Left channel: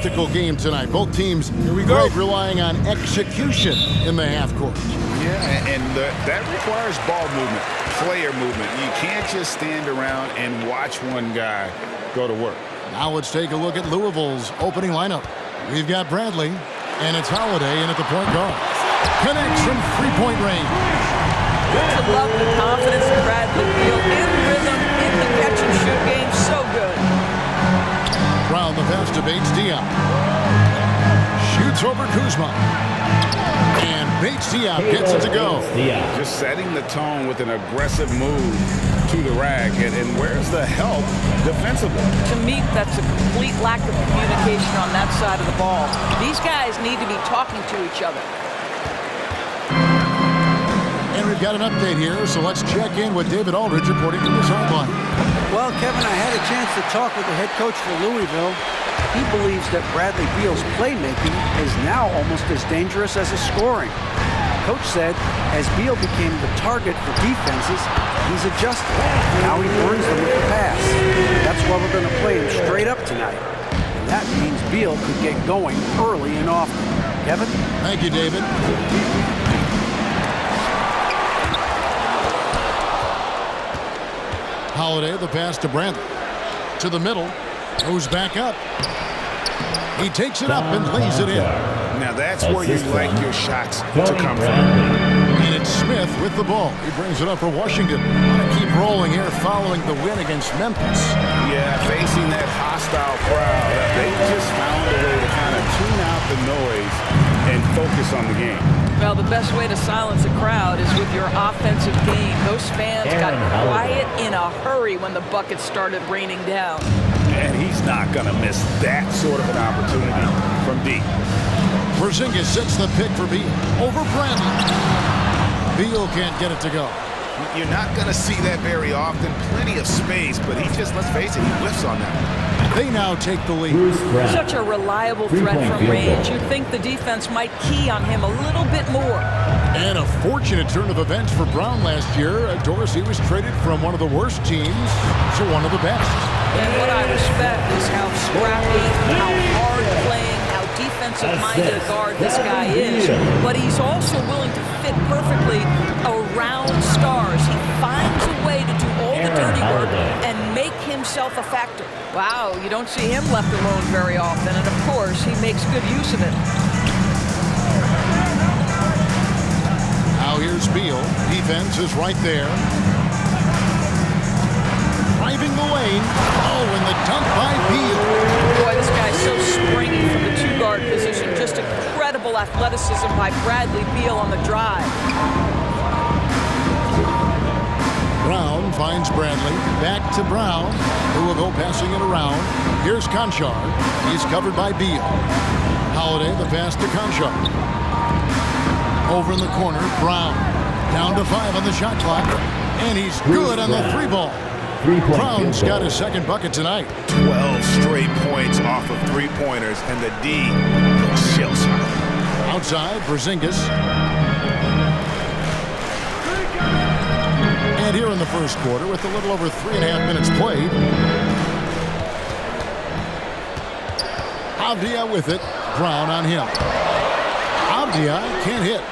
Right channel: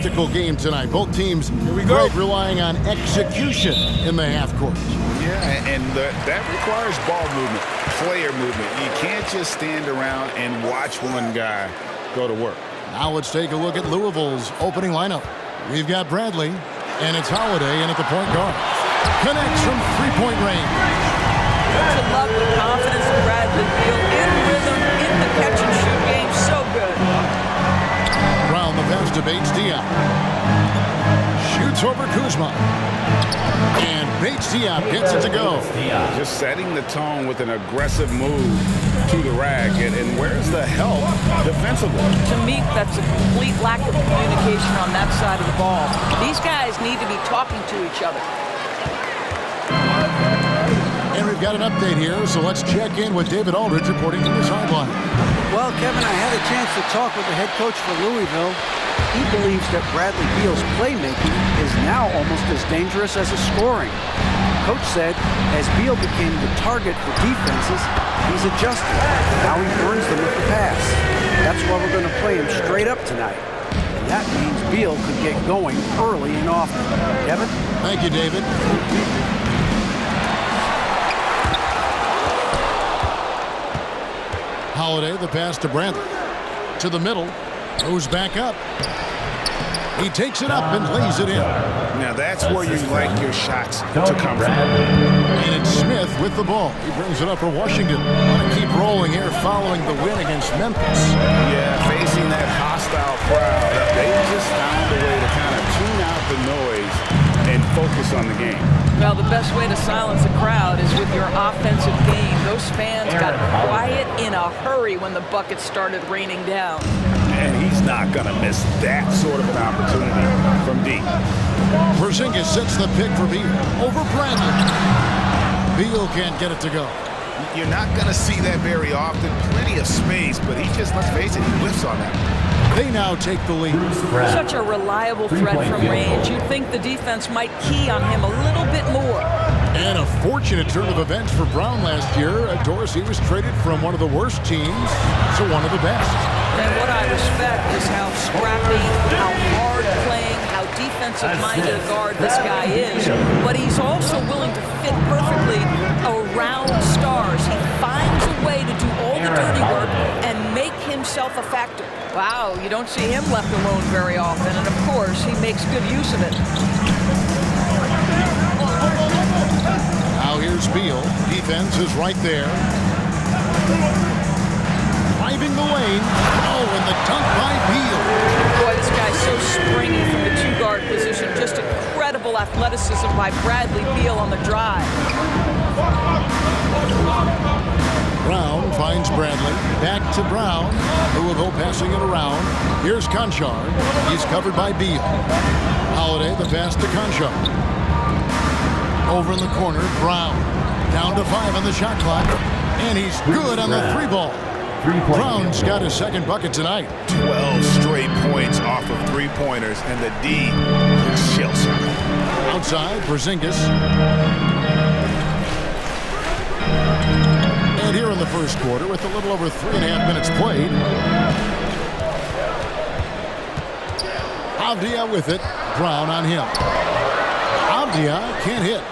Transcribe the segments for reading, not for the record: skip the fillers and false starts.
tactical game tonight. Both teams, Greg, relying on execution in the half court. Yeah, and that requires ball movement, player movement. You can't just stand around and watch one guy go to work. Now let's take a look at Louisville's opening lineup. We've got Bradley, and it's Holiday in at the point guard. Connects from three-point range. Don't you love the confidence of Bradley Beal? In rhythm, in the catch-and-shoot game, so good. Brown the pass to Bates Diop. Shoots over Kuzma. And Bates Diop gets it to go. Just setting the tone with an aggressive move to the rack. And where's the help defensively? To me, that's a complete lack of communication on that side of the ball. These guys need to be talking to each other. And we've got an update here, so let's check in with David Aldridge reporting from the sideline. Well, Kevin, I had a chance to talk with the head coach for Louisville. He believes that Bradley Beal's playmaking is now almost as dangerous as his scoring. Coach said as Beal became the target for defenses, he's adjusted. Now he burns them with the pass. That's why we're going to play him straight up tonight. And that means Beal could get going early and often. Kevin? Thank you, David. Holiday, the pass to Bradley. To the middle. Goes back up. He takes it up and lays it in. Now that's where you like your shots to come from. And it's Smith with the ball. He brings it up for Washington. Want to keep rolling here following the win against Memphis. Yeah, facing that hostile crowd, they just found a way to kind of tune out the noise and focus on the game. Well, the best way to silence a crowd is with your offensive game. Those fans got quiet in a hurry when the buckets started raining down. And he's not going to miss that sort of an opportunity from deep. Porzingis sets the pick for Beal over Bradley. Beal can't get it to go. You're not going to see that very often. Plenty of space, but he just, let's face it, he whiffs on that one. They now take the lead. Such a reliable threat from range. You'd think the defense might key on him a little bit more. And a fortunate turn of events for Brown last year. Dorsey was traded from one of the worst teams to one of the best. And what I respect is how scrappy, how hard playing, how defensive-minded a guard this guy is. But he's also willing to fit perfectly around stars. He finds a way to do all the dirty work and make himself a factor. Wow, you don't see him left alone very often. And, of course, he makes good use of it. Now here's Beal. Defense is right there. Driving the lane. Oh, and the dunk by Beal. Boy, this guy's so springy from the two-guard position. Just incredible athleticism by Bradley Beal on the drive. Brown finds Bradley. Back to Brown. Louisville passing it around. Here's Conchar. He's covered by Beal. Holiday, the pass to Conchar. Over in the corner, Brown. Down to 5 on the shot clock. And he's good on the three ball. Brown's got his second bucket tonight. 12 straight points off of three-pointers, and the D looks shell-shocked. Outside, Porzingis. And here in the first quarter, with a little over 3.5 minutes played. Avdia with it. Brown on him. Avdia can't hit.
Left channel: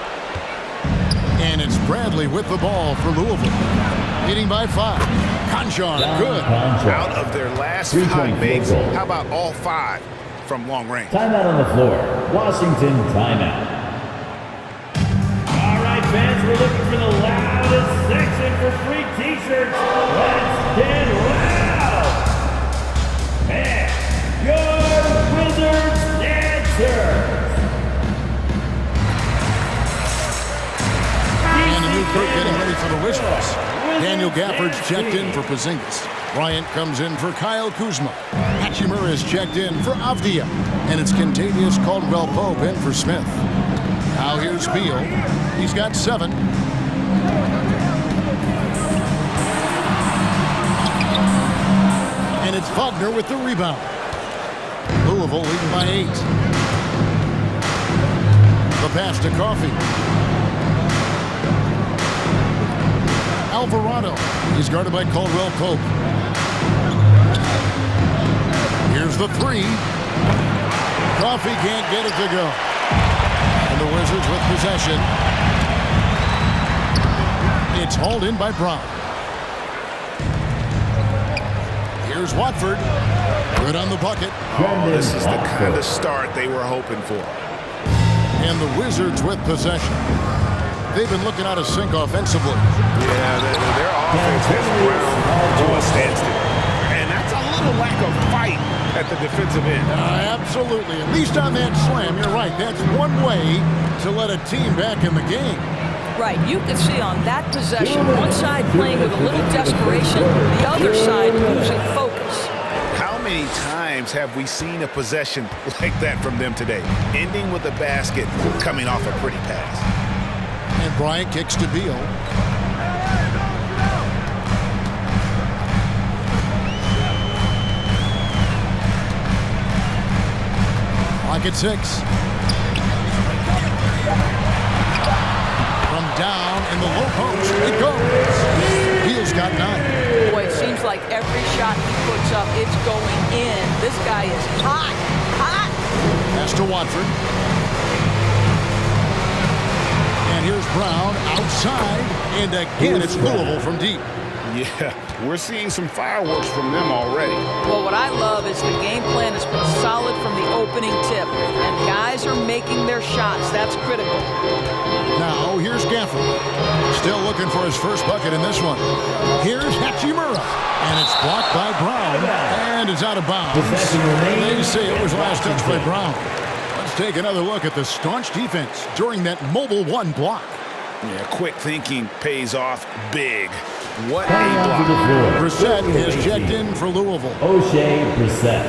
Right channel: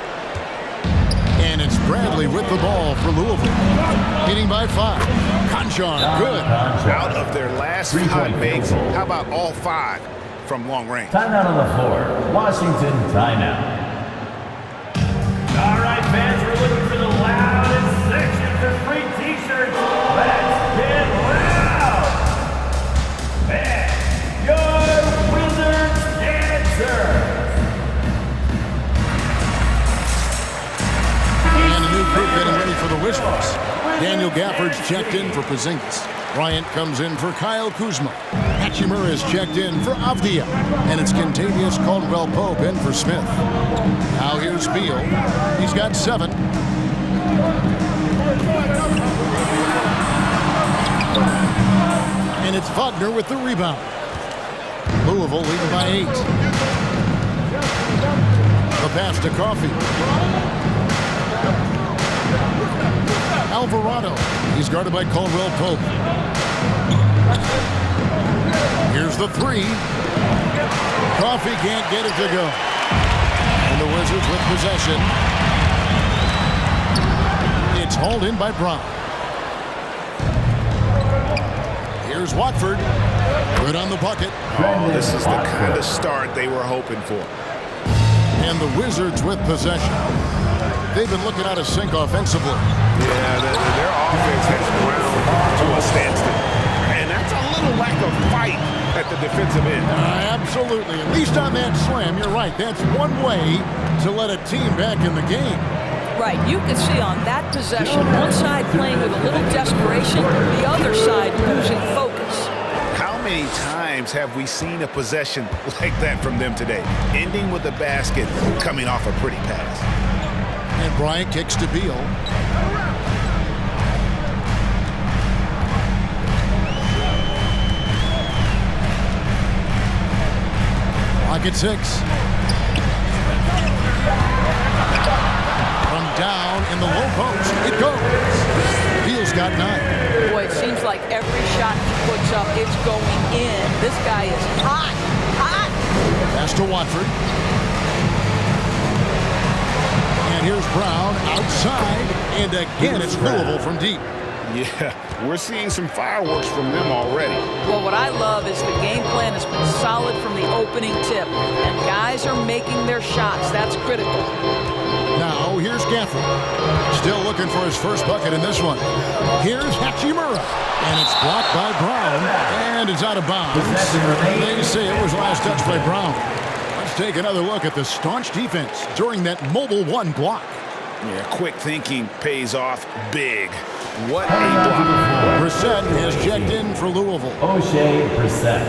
And it's Bradley with the ball for Louisville. Leading by 5. Conchar, good. Out of their last 5 makes, how about all 5 from long range? Timeout on the floor. Washington timeout. All right, fans, we're looking for the loudest section for free T-shirts. Let's get loud. And your Wizards dancers. And a new group getting ready for the Wizards. Daniel Gafford's checked in for Porzingis. Bryant comes in for Kyle Kuzma. Hachimura is checked in for Avdia. And it's Kentavious Caldwell-Pope in for Smith. Now here's Beal. He's got 7. And it's Wagner with the rebound. Louisville leading by 8. The pass to Coffey. Alvarado. He's guarded by Caldwell-Pope. Here's the 3. Coffee can't get it to go. And the Wizards with possession. It's hauled in by Brown. Here's Watford. Good on the bucket. Oh, this is the kind of start they were hoping for. And the Wizards with possession. They've been looking out of sync offensively. Yeah, their offense has ground to a standstill. And that's a little lack of fight at the defensive end. Absolutely. At least on that slam, you're right. That's one way to let a team back in the game. Right, you can see on that possession, one side playing with a little desperation, the other side losing focus. How many times have we seen a possession like that from them today? Ending with a basket, coming off a pretty pass. And Bryant kicks to Beal. Clock at 6. From down in the low post, it goes. Beal's got 9. Boy, it seems like every shot he puts up, it's going in. This guy is hot, hot. Pass to Watford. And here's Brown outside. And again, it's Louisville from deep. Yeah, we're seeing some fireworks from them already. Well, what I love is the game plan has been solid from the opening tip. And guys are making their shots. That's critical. Now, here's Gafford. Still looking for his first bucket in this one. Here's Hachimura. And it's blocked by Brown. And it's out of bounds. They say it was last touched by Brown. Let's take another look at the staunch defense during that mobile 1 block. Yeah, quick thinking pays off big. What a block. Brissett has checked in for Louisville. O'Shea Brissett.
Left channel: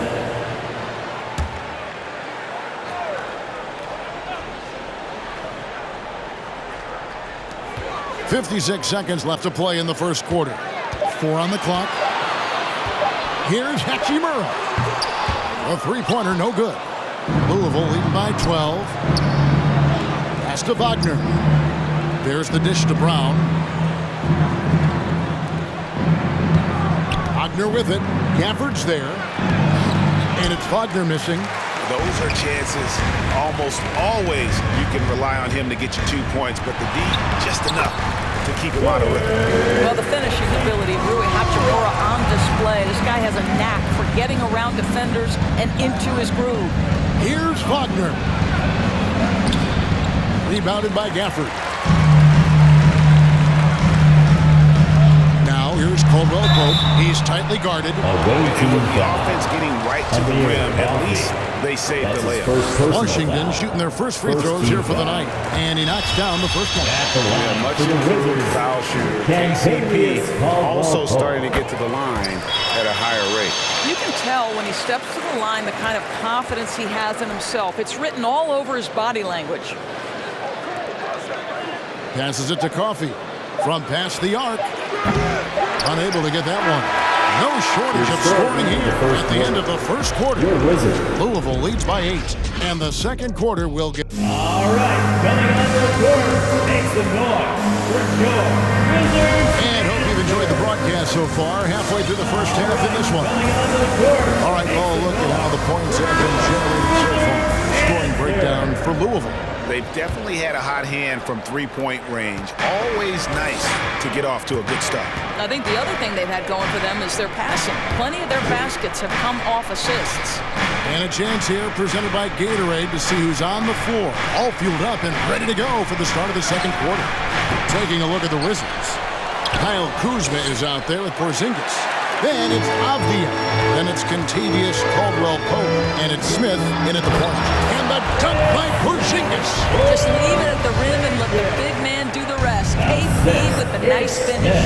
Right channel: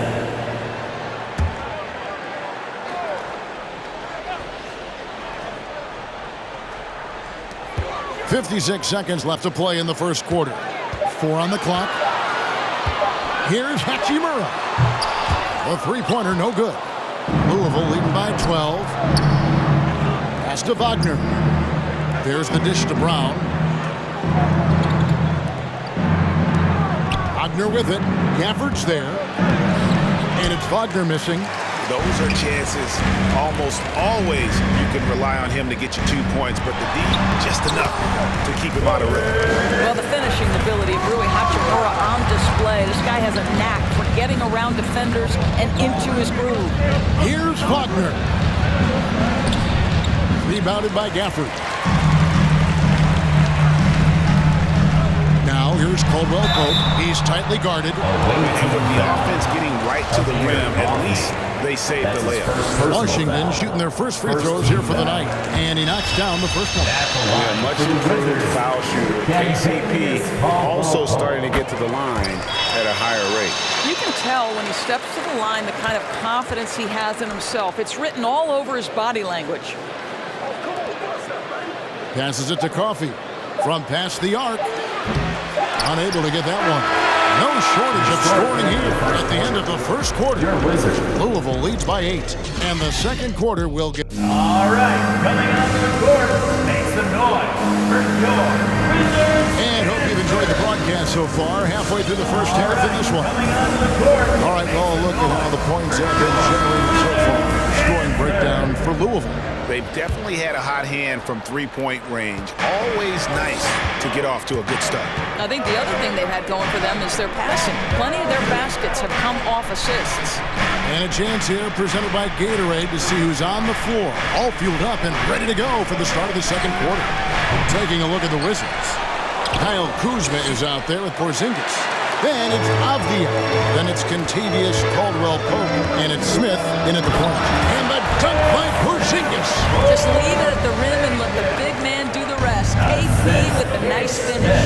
56 seconds left to play in the first quarter. 4 on the clock. Here's Hachimura. The three-pointer, no good. Louisville leading by 12. Pass to Wagner. There's the dish to Brown. Wagner with it. Gafford's there. And it's Wagner missing. Those are chances. Almost always you can rely on him to get you 2 points, but the D, just enough to keep him out of rhythm. Well, the finishing ability of Rui Hachimura on display. This guy has a knack for getting around defenders and into his groove. Here's Wagner. Rebounded by Gafford. Now here's Caldwell Pope. He's tightly guarded. And with the offense getting right to the rim, at least they saved the layup. Washington shooting their first free throws here for the night. And he knocks down the first one. Yeah, much improved foul shooter. KCP also starting to get to the line at a higher rate. You can tell when he steps to the line the kind of confidence he has in himself. It's written all over his body language. Passes it to Coffee. From past the arc. Unable to get that one. No shortage of scoring here at the end of the first quarter. Louisville leads by 8. And the second quarter will get... All right, coming onto the court, makes the noise for your Wizards. And hope you've enjoyed the broadcast so far. Halfway through the first half in this one. All right, well, look at how the points have been generated so far. Scoring breakdown for Louisville. They've definitely had a hot hand from three-point range. Always nice to get off to a good start. I think the other thing they've had going for them is their passing. Plenty of their baskets have come off assists. And a chance here presented by Gatorade to see who's on the floor. All fueled up and ready to go for the start of the second quarter. Taking a look at the Wizards. Kyle Kuzma is out there with Porzingis. Then it's Avdia. Then it's Contavious Caldwell-Pope. And it's Smith in at the point. And the dunk by Porzingis. Just leave it at the rim and let the big man do the rest. KP with the nice finish.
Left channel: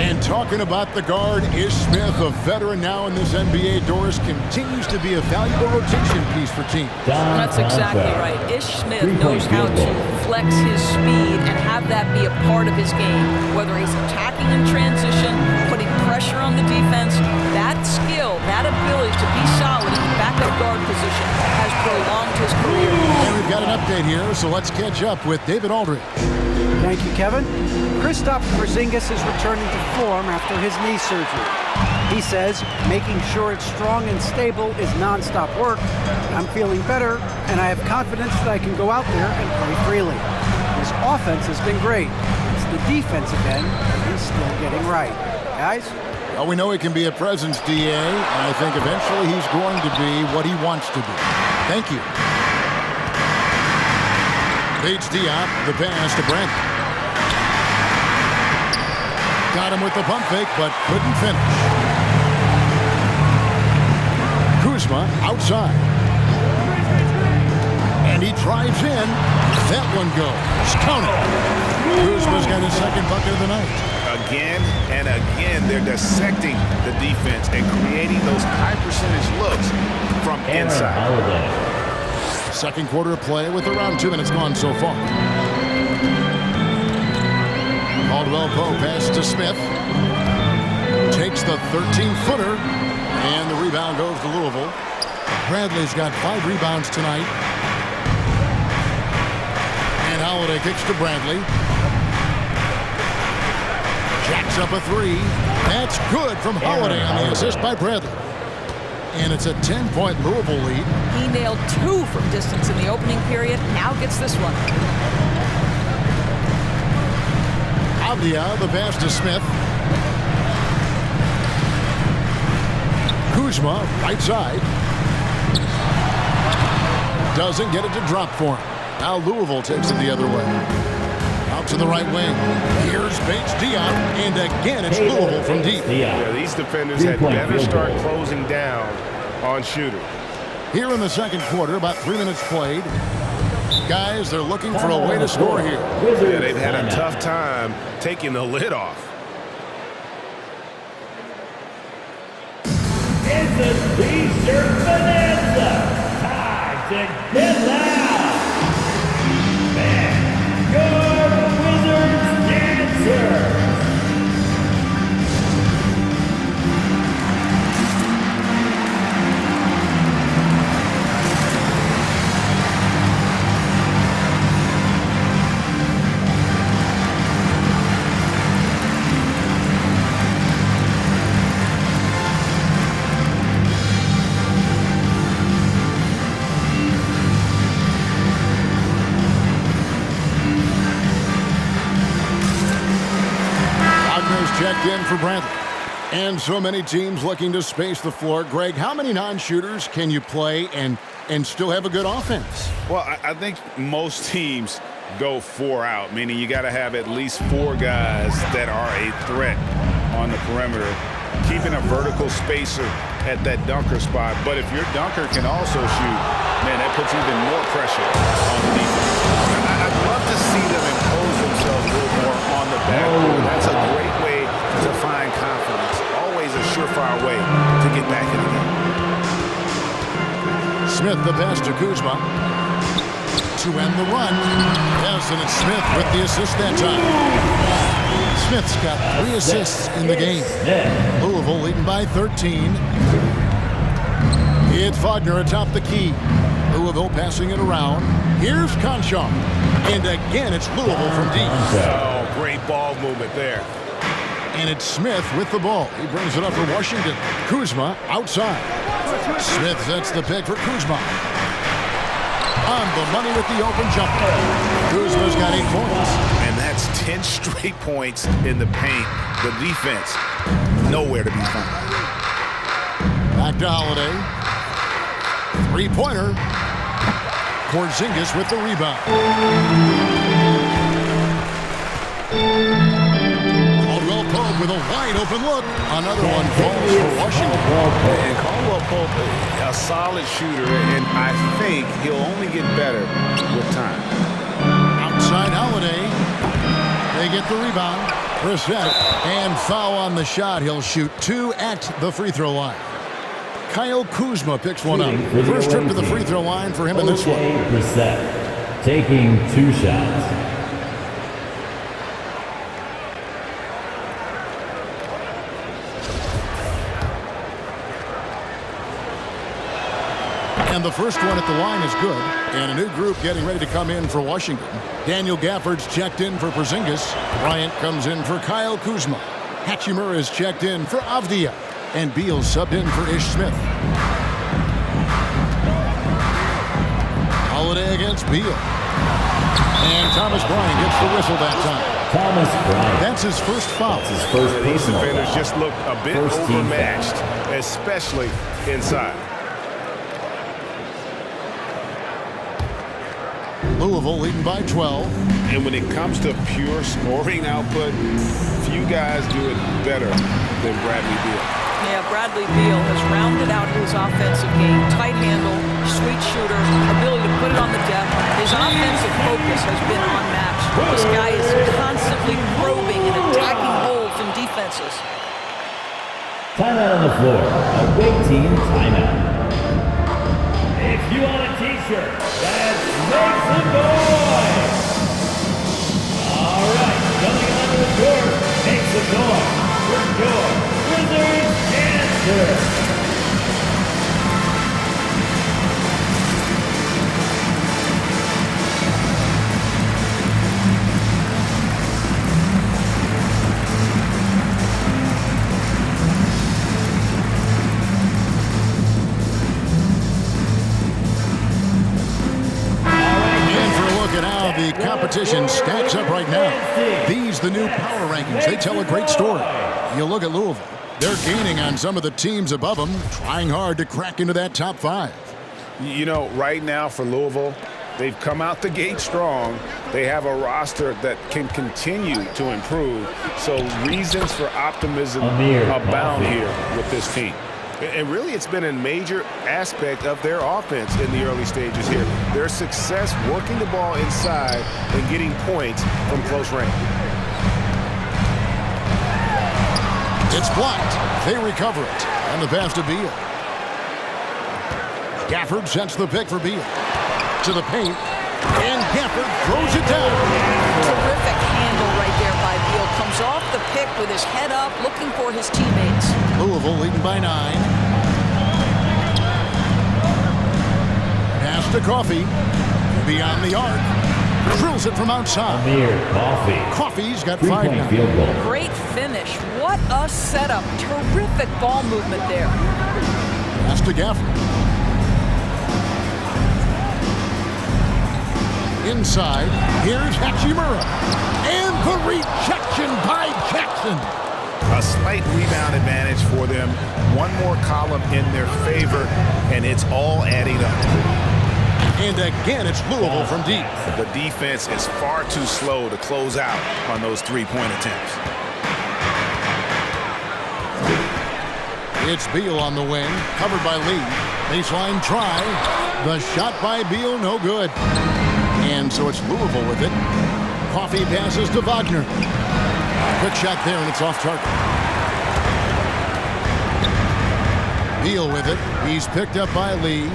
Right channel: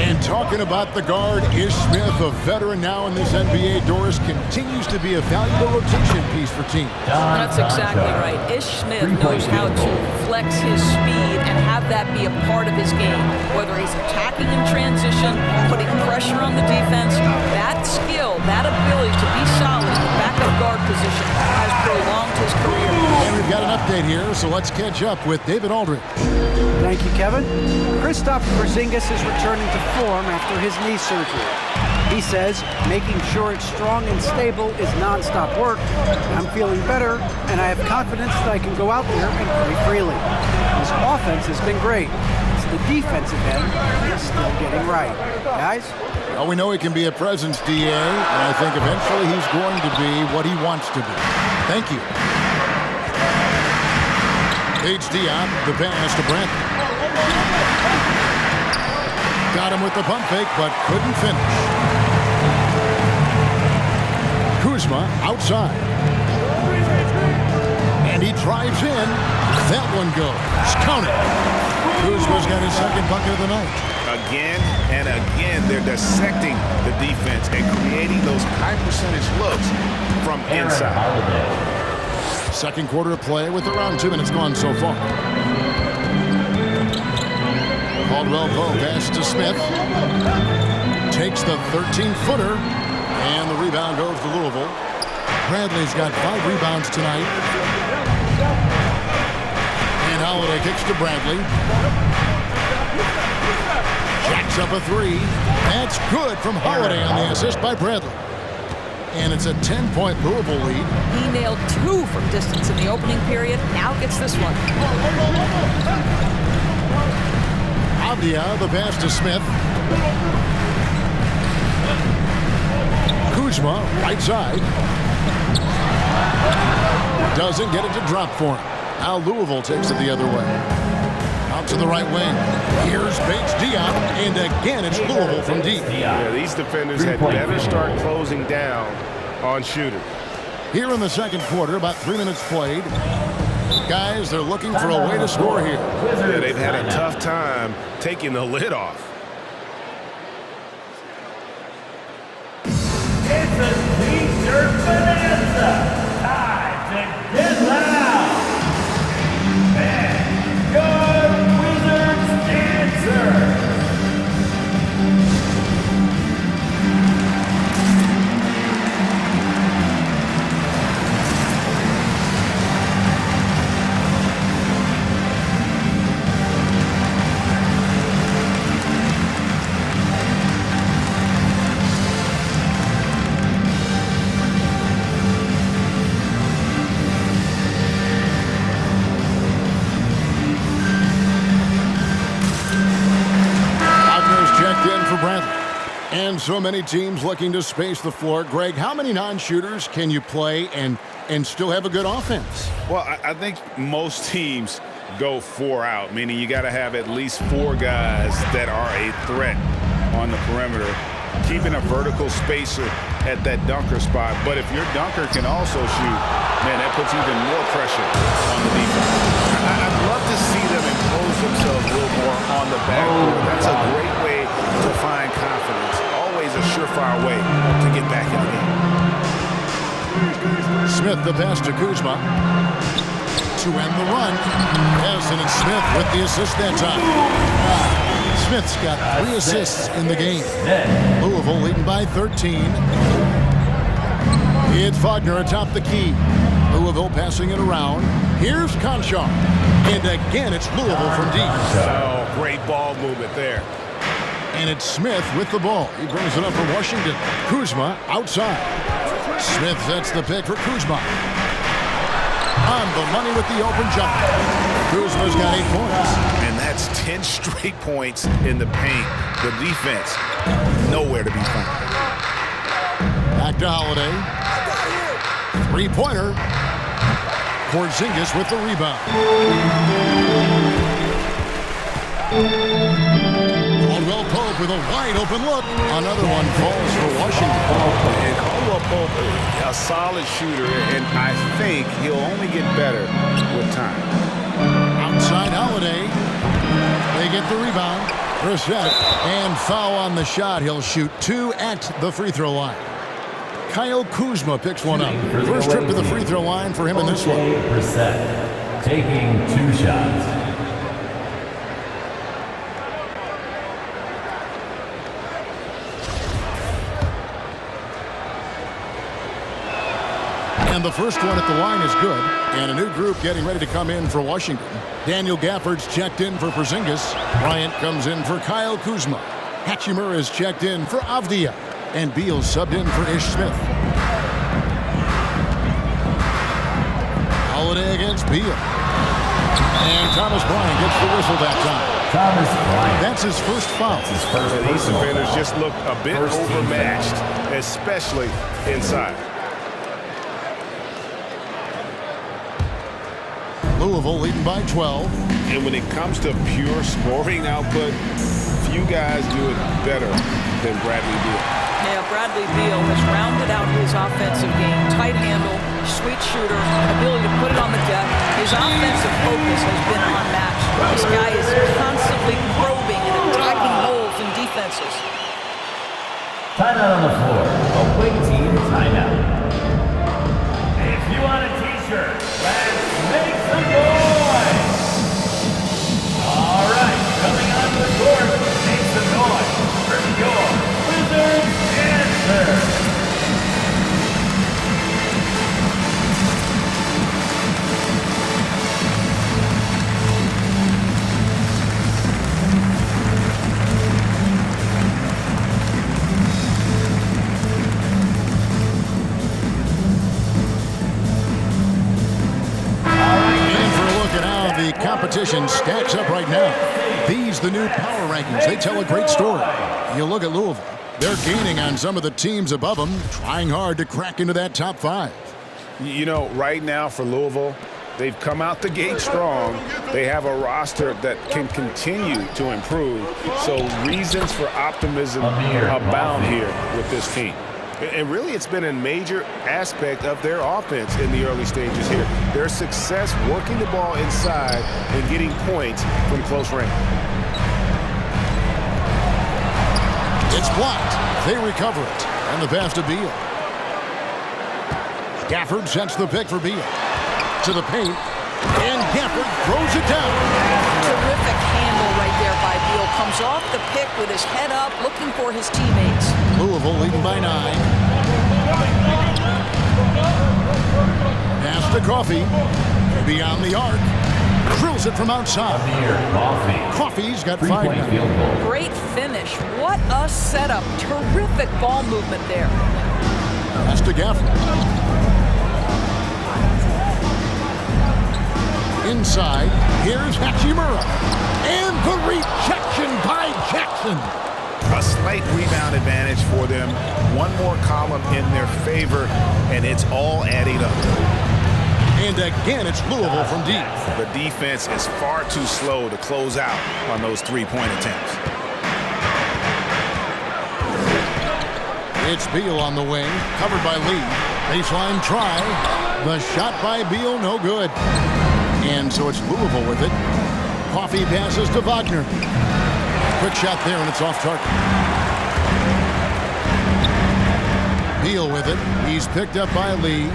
And talking about the guard, Ish Smith, a veteran now in this NBA, Doris, continues to be a valuable rotation piece for teams. That's exactly right. Ish Smith knows how to flex his speed and have that be a part of his game. Whether he's attacking in transition, putting pressure on the defense, that skill, that ability to be solid in the backup guard position has prolonged his career. And we've got an update here, so let's catch up with David Aldridge. Thank you, Kevin. Kristaps Porzingis is returning to form after his knee surgery. He says making sure it's strong and stable is nonstop work. I'm feeling better, and I have confidence that I can go out there and play freely. His offense has been great. It's the defensive end he's still getting right. Guys? Well, we know he can be a presence, DA, and I think eventually he's going to be what he wants to be. Thank you. Bates Diop, the pass to Brent. Got him with the pump fake, but couldn't finish. Kuzma outside. And he drives in. That one goes. Count it. Kuzma's got his second bucket of the night. Again and again, they're dissecting the defense and creating those high-percentage looks from inside. Second quarter of play with around 2 minutes gone so far. Caldwell Pope passes to Smith. Takes the 13-footer. And the rebound goes to Louisville. Bradley's got 5 rebounds tonight. And Holiday kicks to Bradley. Jacks up a 3. That's good from Holiday on the assist by Bradley. And it's a 10-point Louisville lead. He nailed 2 from distance in the opening period. Now gets this one. Avdia, the pass to Smith. Kuzma, right side. Doesn't get it to drop for him. Now Louisville takes it the other way. Out to the right wing. Here's Bates Diop, and again it's Louisville from deep. Yeah, these defenders had better start closing down on shooters. Here in the second quarter, about 3 minutes played. Guys, they're looking for a way to score here. Yeah, they've had a tough time taking the lid off. It's a T-shirt bonanza. Time to get loud. And your Wizards dancers. Checked in for Bradley. And so many teams looking to space the floor. Greg, how many non-shooters can you play and still have a good offense? Well, I think most teams go 4 out, meaning you got to have at least 4 guys that are a threat on the perimeter, keeping a vertical spacer at that dunker spot. But if your dunker can also shoot, man, that puts even more pressure on the defense. I'd love to see them impose themselves a little more on the backboard. That's a great way to find confidence. Always a surefire way to get back in the game. Smith the pass to Kuzma. To end the run. Yes, and it's Smith with the assist that time. Smith's got 3 assists in the game. Louisville leading by 13. It's Wagner atop the key. Louisville passing it around. Here's Conchar. And again, it's Louisville from deep. Oh, great ball movement there. And it's Smith with the ball. He brings it up for Washington. Kuzma outside. Smith sets the pick for Kuzma. On the money with the open jumper. Kuzma's got 8 points. And that's 10 straight points in the paint. The defense, nowhere to be found. Back to Holiday. 3-pointer. Porzingis with the rebound. Caldwell Pope with a wide open look. Another one falls for Washington. And Caldwell Pope, a solid shooter, and I think he'll only get better with time. Outside Holiday. They get the rebound. Brissett, and foul on the shot. He'll shoot 2 at the free throw line. Kyle Kuzma picks one up. First trip to the free throw line for him in this one. Brissett taking 2 shots. And the first one at the line is good. And a new group getting ready to come in for Washington. Daniel Gafford's checked in for Porzingis. Bryant comes in for Kyle Kuzma. Hachimura is checked in for Avdia. And Beal subbed in for Ish Smith. Holiday against Beal. And Thomas Bryant gets the whistle that time. Thomas Bryant. That's his first foul. That's his first And these personal defenders foul. just looked a bit First team overmatched, especially inside. Louisville leading by 12. And when it comes to pure scoring output, few guys do it better than Bradley Beal. Yeah, Bradley Beal has rounded out his offensive game. Tight handle, sweet shooter, ability to put it on the deck. His offensive focus has been unmatched. This guy is constantly probing and attacking holes in defenses. Timeout on the floor. Away team timeout. If you want a t-shirt, let's make some noise. All right, coming onto the court, make some noise for your Wizards answer. Look at how the competition stacks up right now. These, the new power rankings, they tell a great story. You look at Louisville, they're gaining on some of the teams above them, trying hard to crack into that top 5. You know, right now for Louisville, they've come out the gate strong. They have a roster that can continue to improve. So reasons for optimism abound here with this team. And really, it's been a major aspect of their offense in the early stages here. Their success working the ball inside and getting points from close range. It's blocked. They recover it. And the pass to Beal. Gafford sets the pick for Beal. To the paint. And Gafford throws it down. Terrific handle right there by Beal. Comes off the pick with his head up, looking for his teammates. Louisville leading by 9. Pass to Coffey. Beyond the arc. Drills it from outside. Coffey's got 5 now. Field goal. Great finish. What a setup. Terrific ball movement there. Pass to Gafford. Inside, here's Hachimura. And the rejection by Jackson. A slight rebound advantage for them. One more column in their favor, and it's all adding up. And again, it's Louisville from deep. The defense is far too slow to close out on those three-point attempts. It's Beal on the wing, covered by Lee. Baseline try. The shot by Beal, no good. And so it's Louisville with it. Coffey passes to Wagner. Quick shot there, and it's off target. Beal with it. He's picked up by Lee.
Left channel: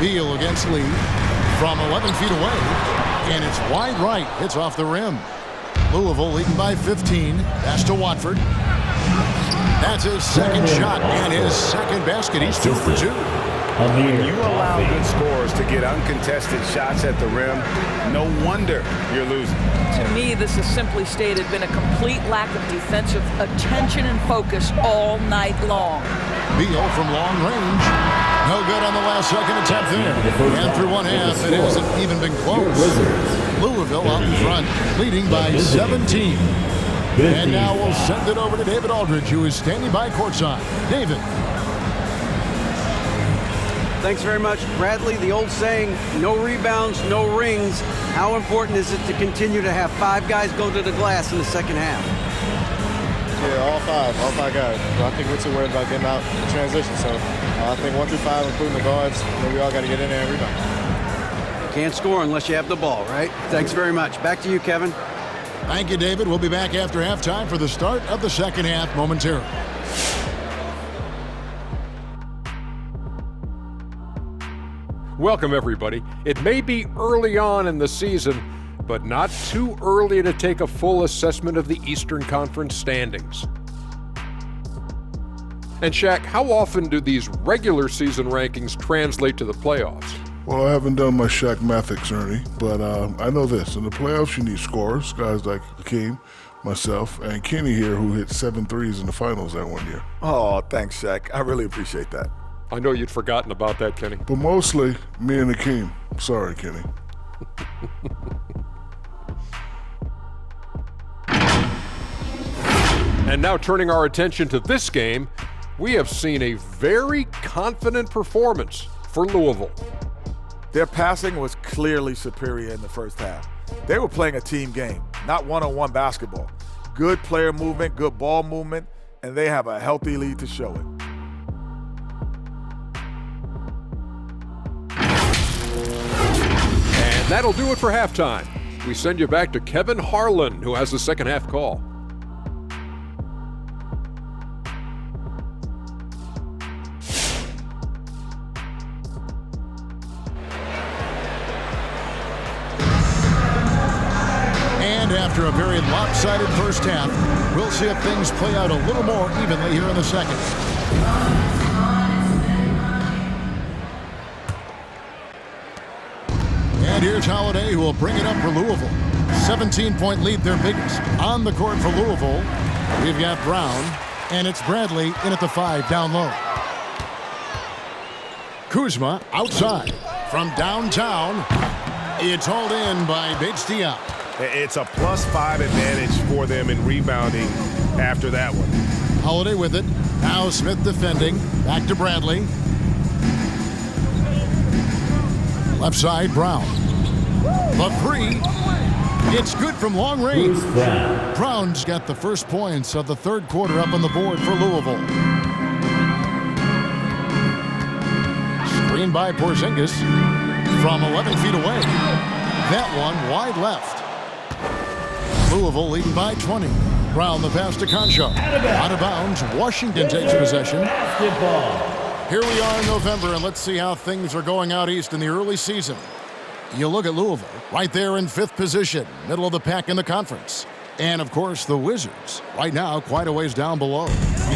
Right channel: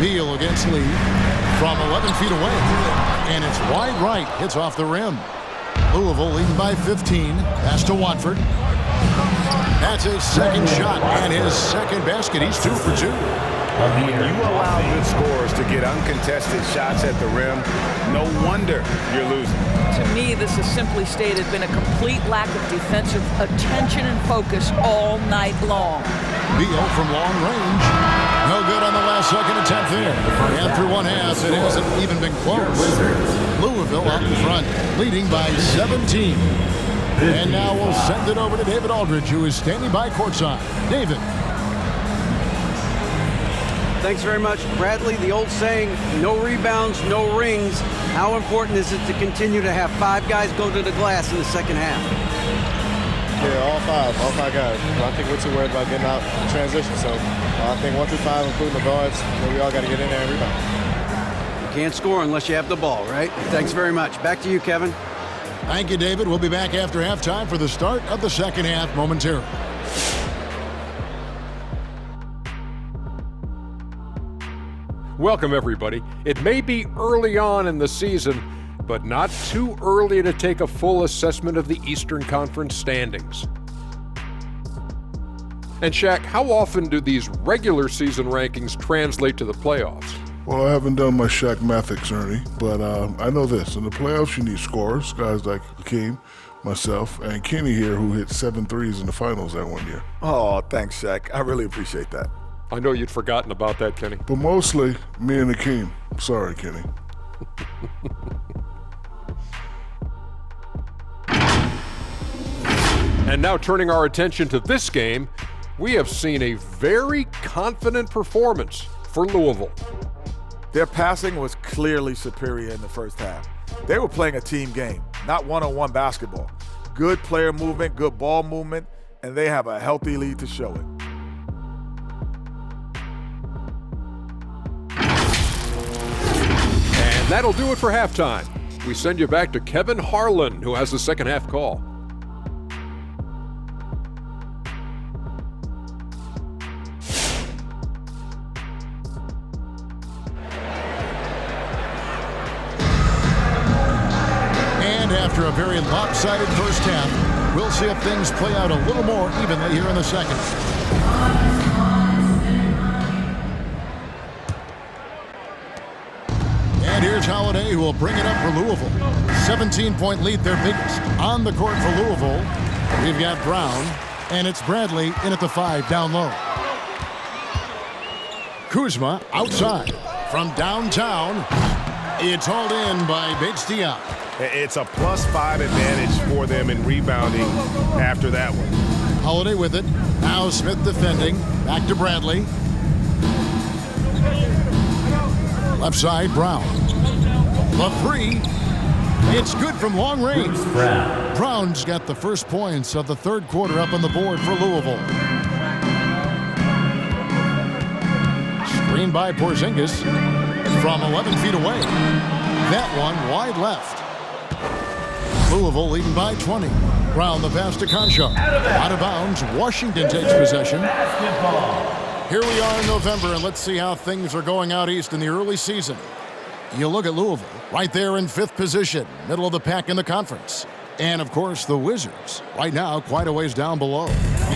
Beal against Lee from 11 feet away. And it's wide right. Hits off the rim. Louisville leading by 15. Pass to Watford. That's his second shot and his second basket. He's 2 for 2. When you allow good scorers to get uncontested shots at the rim, no wonder you're losing. To me, this has simply stated been a complete lack of defensive attention and focus all night long. Beal from long range. No good on the last second attempt there. And through one half, it hasn't even been close. Louisville out in front, leading by 17. And now we'll send it over to David Aldridge, who is standing by courtside. David. Thanks very much, Bradley. The old saying, no rebounds, no rings. How important is it to continue to have 5 guys go to the glass in the second half? Yeah, all five guys. I think we're too worried about getting out in transition. So I think 1 through 5, including the guards, we all got to get in there and rebound. You can't score unless you have the ball, right? Thanks very much. Back to you, Kevin. Thank you, David. We'll be back after halftime for the start of the second half momentarily. Welcome, everybody. It may be early on in the season, but not too early to take a full assessment of the Eastern Conference standings. And Shaq, how often do these regular season rankings translate to the playoffs? Well, I haven't done my Shaq Mathics, Ernie, but I know this. In the playoffs, you need scorers, guys like Hakeem, myself, and Kenny here, who hit 7 threes in the finals that one year. Oh, thanks, Shaq. I really appreciate that. I know you'd forgotten about that, Kenny. But mostly me and Akeem. Sorry, Kenny. And now turning our attention to this game, we have seen a very confident performance for Louisville. Their passing was clearly superior in the first half. They were playing a team game, not one-on-one basketball. Good player movement, good ball movement, and they have a healthy lead to show it. And that'll do it for halftime. We send you back to Kevin Harlan, who has the second half call. And after a very lopsided first half, we'll see if things play out a little more evenly here in the second. And here's Holiday, who will bring it up for Louisville. 17-point lead, their biggest. On the court for Louisville, we've got Brown, and it's Bradley in at the 5 down low. Kuzma outside from downtown. It's hauled in by Bates-Diop. It's a +5 advantage for them in rebounding after that one. Holiday with it. Now Smith defending. Back to Bradley. Left side, Brown. The 3. It's good from long range. Brown's got the first points of the third quarter up on the board for Louisville. Screen by Porzingis from 11 feet away. That one wide left. Louisville leading by 20. Brown the pass to Conchar. Out of bounds. Washington takes possession. Here we are in November, and let's see how things are going out east in the early season. You look at Louisville, right there in 5th position, middle of the pack in the conference. And, of course, the Wizards, right now quite a ways down below.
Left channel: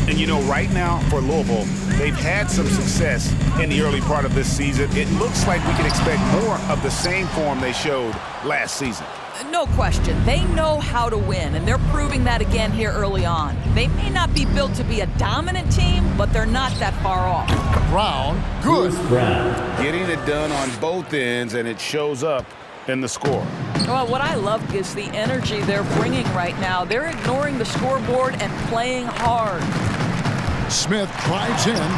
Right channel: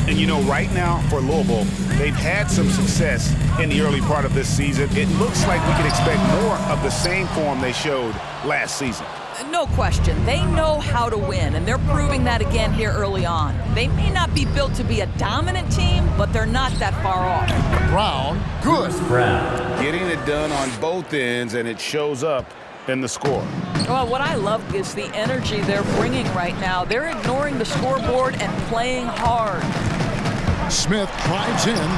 And, you know, right now for Louisville, they've had some success in the early part of this season. It looks like we can expect more of the same form they showed last season. No question. They know how to win, and they're proving that again here early on. They may not be built to be a dominant team, but they're not that far off. Brown, good. Getting it done on both ends, and it shows up in the score. Well, what I love is the energy they're bringing right now. They're ignoring the scoreboard and playing hard. Smith drives in.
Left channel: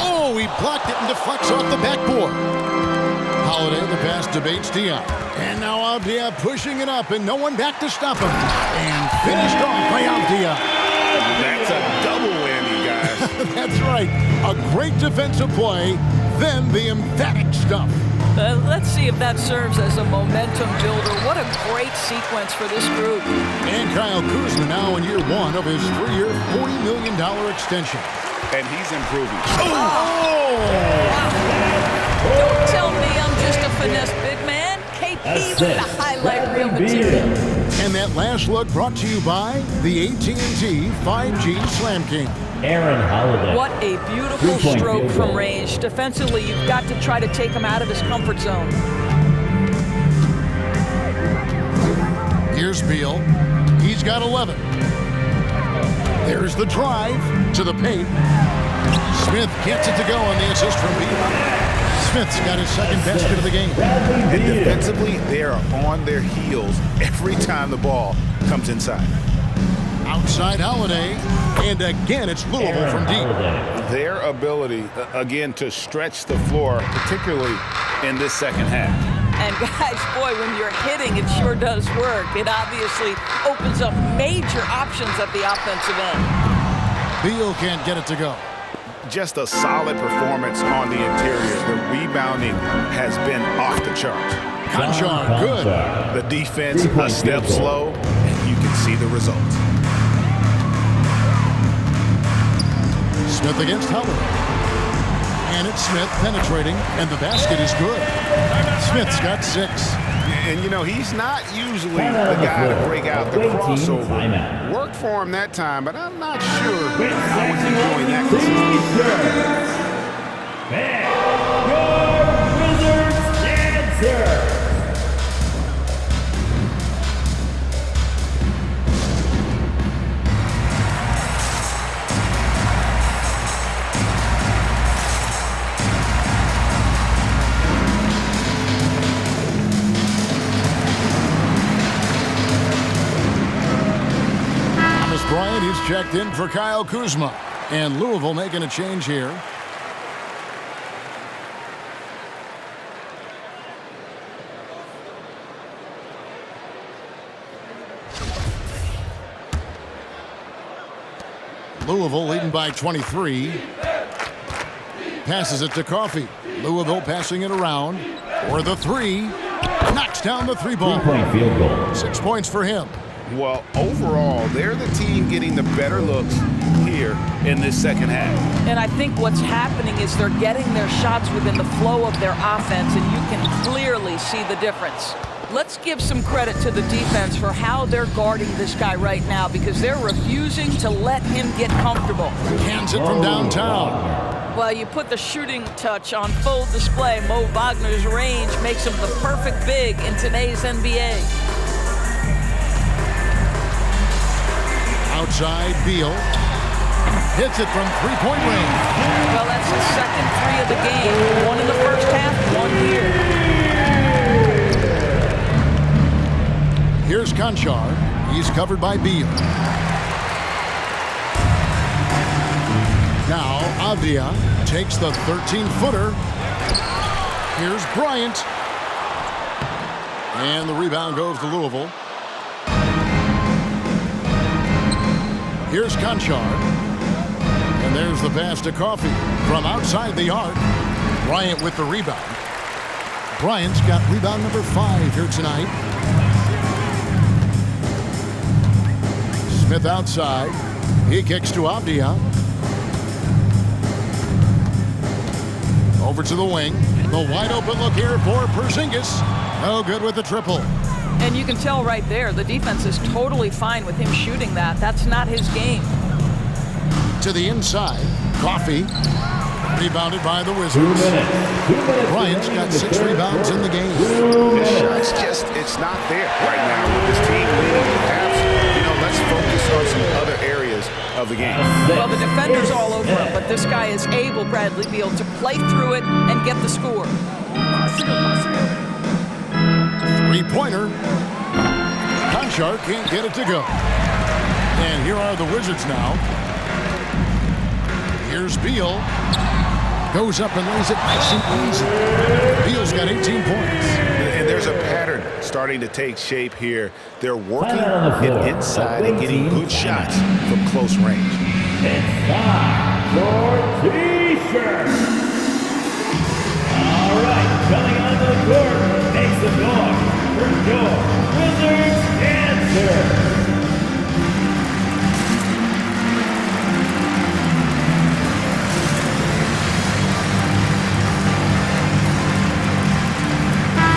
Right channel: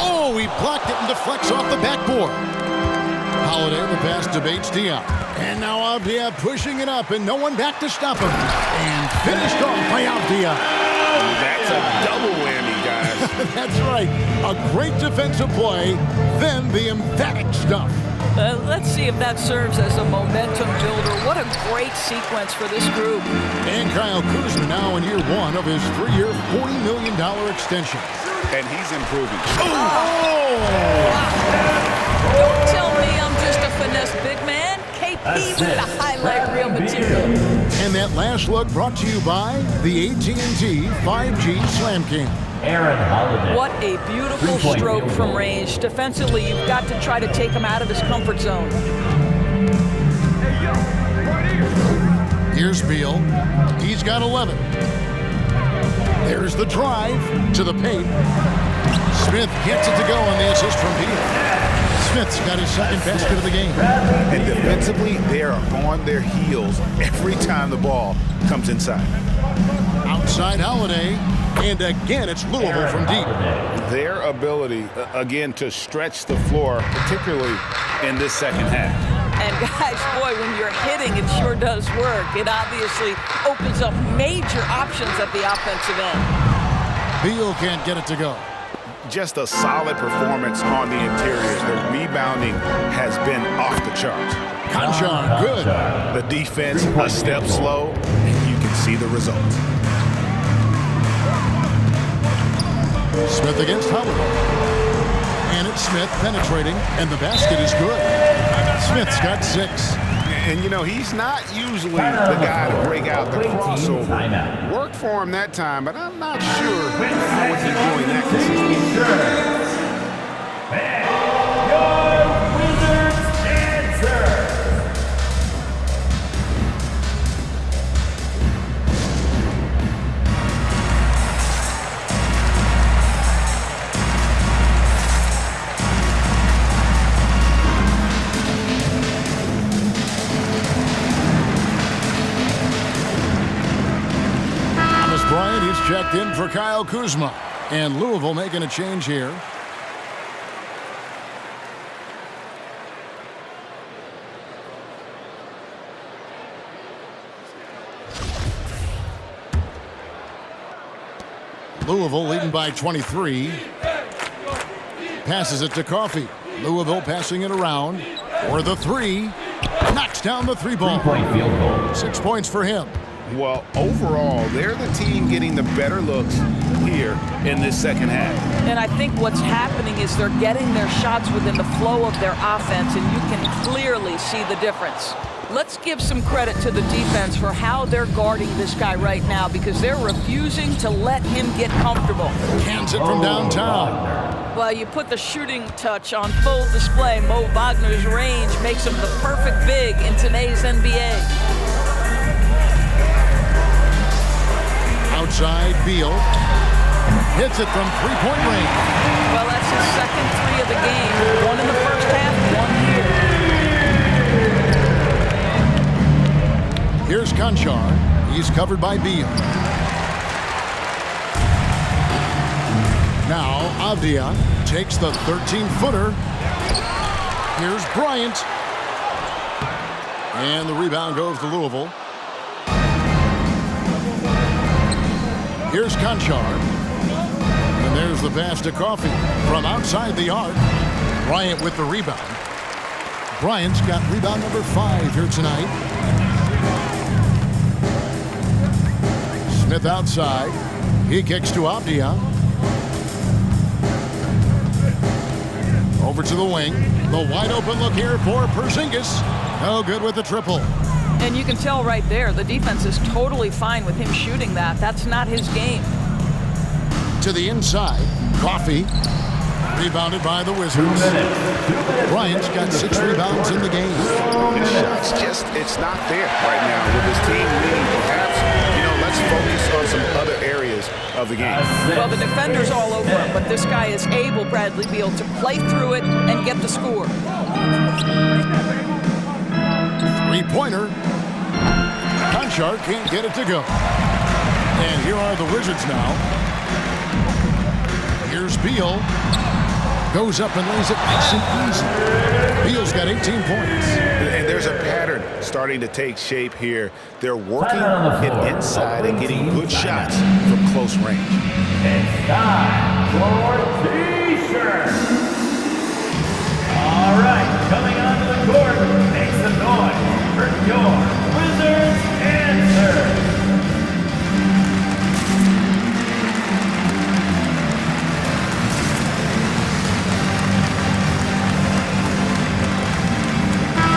Oh, he blocked it and deflects off the backboard. Holiday, the pass to Bates-Diop. And now Avdia pushing it up, and no one back to stop him. And finished off by Avdia. That's a double whammy, guys. That's right. A great defensive play, then the emphatic stuff. Let's see if that serves as a momentum builder. What a great sequence for this group. And Kyle Kuzma now in year 1 of his 3-year, $40 million extension. And he's improving. Oh! Wow. Don't tell me I'm just a finesse big man. KP with the highlight reel material. And that last look brought to you by the AT&T 5G Slam Cam. Aaron Holiday. What a beautiful stroke from range. Defensively, you've got to try to take him out of his comfort zone. Here's Beal. He's got 11. There's the drive to the paint. Smith gets it to go on the assist from Beal. Smith's got his second basket of the game. And defensively, they are on their heels every time the ball comes inside. Outside Holiday. And again, it's Louisville from deep. Their ability, again, to stretch the floor, particularly in this second half. And guys, boy, when you're hitting, it sure does work. It obviously opens up major options at the offensive end. Beal can't get it to go. Just a solid performance on the interior. The rebounding has been off the charts. Conchar, good. The defense, a step slow, and you can see the results. Smith against Howard. And it's Smith penetrating, and the basket is good. Smith's got 6. And, you know, he's not usually the guy to break out the crossover. Worked for him that time, but I'm not sure I would be doing that consistently. And your Wizards answer. has checked in for Kyle Kuzma. And Louisville making a change here. Louisville leading by 23. Passes it to Coffey. Louisville passing it around. For the three. Knocks down the three ball. 3-point field goal. 6 points for him. Well, overall, they're the team getting the better looks here in this second half. And I think what's happening is they're getting their shots within the flow of their offense, and you can clearly see the difference. Let's give some credit to the defense for how they're guarding this guy right now, because they're refusing to let him get comfortable. Cans it from downtown. Well, you put the shooting touch on full display. Mo Wagner's range makes him the perfect big in today's NBA. Outside, Beal. Hits it from three-point range. Well, that's his second three of the game. One in the first half, one here. Here's Conchar. He's covered by Beal. Now Avdia takes the 13-footer. Here's Bryant. And the rebound goes to Louisville. Here's Conchar. And there's the pass to Coffey from outside the arc. Bryant with the rebound. Bryant's got rebound number 5 here tonight. Smith outside. He kicks to Avdia. Over to the wing. The wide open look here for Porzingis. No good with the triple. And you can tell right there, the defense is totally fine with him shooting that. That's not his game. To the inside. Coffey. Rebounded by the Wizards. 2 minutes. Bryant's got 6 rebounds in the game. His shot's just, it's not there right now with this team leading. Perhaps, let's focus on some other areas of the game. Well, the defender's all over him, but this guy is able, Bradley Beal, to play through it and get the score. Three-pointer. Conchar can't get it to go. And here are the Wizards now. Here's Beal. Goes up and lays it nice and easy. Beal's got 18 points. And there's a pattern starting to take shape here. They're working it inside and getting good shots from close range. It's time for T-shirt. All right, coming onto the court, make some noise for your Wizards answer.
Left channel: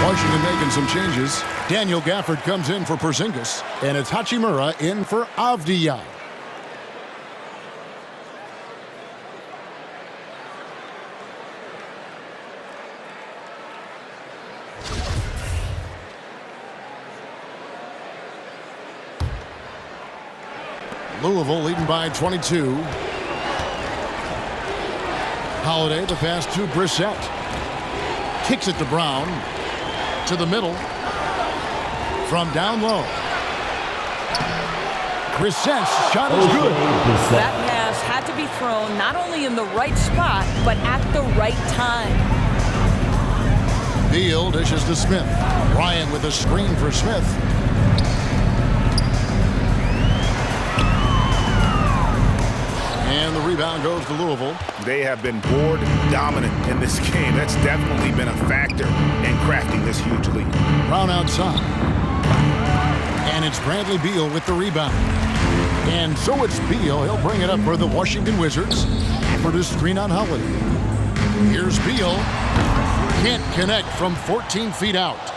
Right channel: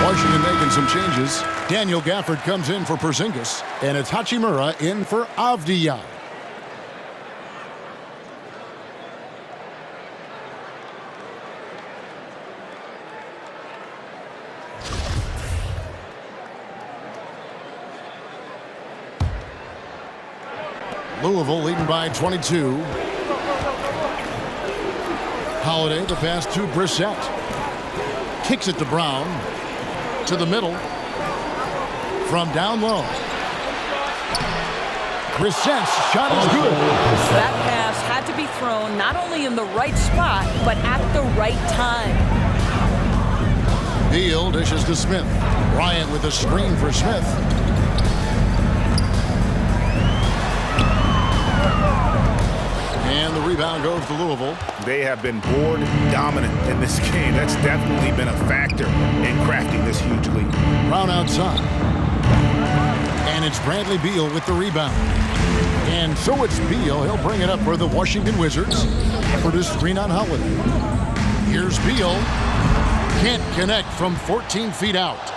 Washington making some changes. Daniel Gafford comes in for Porzingis, and it's Hachimura in for Avdia. Louisville leading by 22. Holiday, the pass to Brissett. Kicks it to Brown. To the middle. From down low. Brissett's shot is good. That pass had to be thrown not only in the right spot, but at the right time. Beal dishes to Smith. Bryant with a screen for Smith. And the rebound goes to Louisville. They have been board dominant in this game. That's definitely been a factor in crafting this huge lead. Brown outside. And it's Bradley Beal with the rebound. And so it's Beal. He'll bring it up for the Washington Wizards. For the screen on Holiday. Here's Beal. Can't connect from 14 feet out.